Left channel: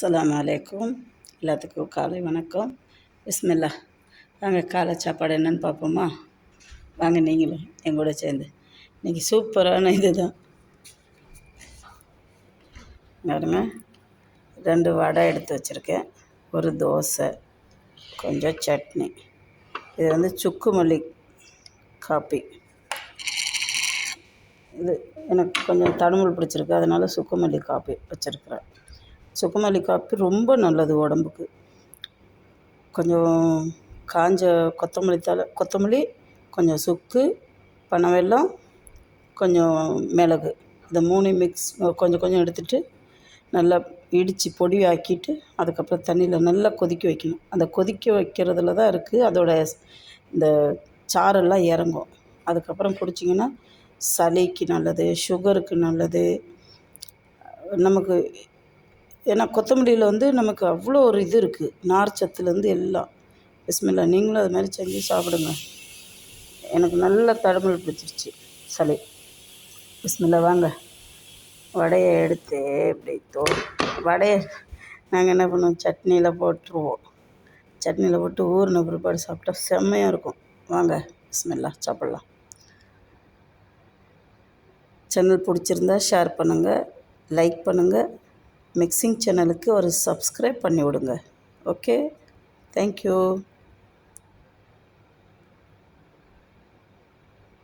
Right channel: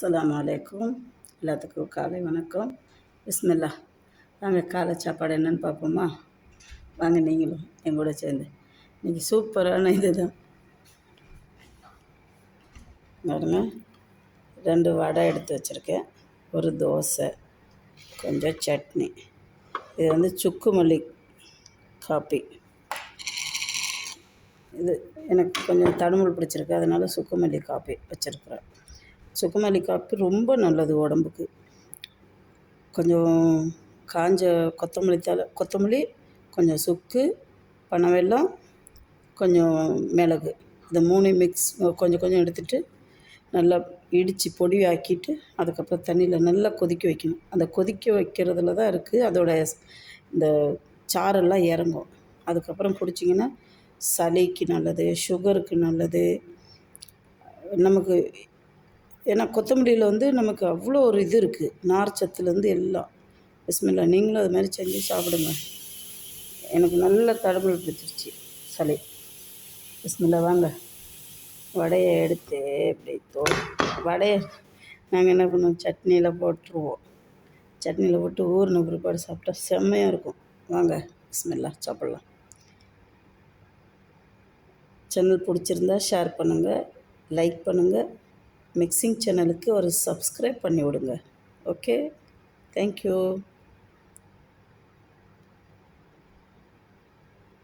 அஸ்ஸலாமு அலைக்கும். எல்லாத்துக்கும் காலை வணக்கம். பிஸ்மில்லா. வாங்க காலை சாப்பாடு என்னென்னு பார்ப்போமா? வாங்க நீங்களும் எங்கூட சேர்ந்து. இன்றைக்கி சூப்பரான இது தான். பாருங்க, 2 வடை எடுத்து வச்சுருக்கேன், ஒரு தோசை, கொஞ்சம் சட்னி. இது சுக்கு மல்லி காப்பி. இது எனக்கு கொஞ்சம் தடுமல் பிடிச்சிருக்கு, அதனால் சுக்கு மல்லி காப்பி வச்சுருக்குறேன். சுக்குமல்லி காப்பி ரொம்ப நல்லது உடம்புக்கு. கொஞ்சம் காஞ்ச கொத்தமல்லி, கொஞ்சம் சுக்கு, பனவெல்லம், கொஞ்சம் மிளகு, இந்த 3 மிக்ஸ் கொஞ்சம் கொஞ்சம் எடுத்துகிட்டு நல்லா இடித்து பொடி ஆக்கிட்டு அதுக்கப்புறம் தண்ணியில் நல்லா கொதிக்க வைக்கணும். அந்த கொதிக்க வைக்கிறதுல தான் இருக்குது அதோட இந்த சாரெல்லாம் இறங்கும். அதுக்கப்புறம் குடிச்சிங்கன்னா சளிக்கு நல்லது, சுகருக்கு நல்லது. நமக்கு ஏன்னா கொத்தமல்லியில் நமக்கு அவ்வளோ ஒரு இது இருக்குது, நார் சத்துலேருந்து எல்லாம். பிஸ்மில்லா. நீங்களும் அது மாதிரி செஞ்சு சாப்பிடுங்க. எனக்கு நல்ல தடுமல் பிடிச்சிருச்சு சளி. பிஸ்மில்லா. வாங்க, வடையை எடுத்து இப்படி வடையை நாங்கள் என்ன பண்ணுவோம், சட்னியில் போட்டுருவோம். சட்னியில் போட்டு ஊறின பிற்பாடு சாப்பிட்டா செம்மையாக இருக்கும். வாங்க பிஸ்மில்லா, சாப்பிட்லாம். சேனல் பிடிச்சிருந்தா ஷேர் பண்ணுங்கள், லைக் பண்ணுங்கள். மிக்சிங் சேனலுக்கு ஒரு சப்ஸ்கிரைப் பண்ணி விடுங்க. Okay, thank you.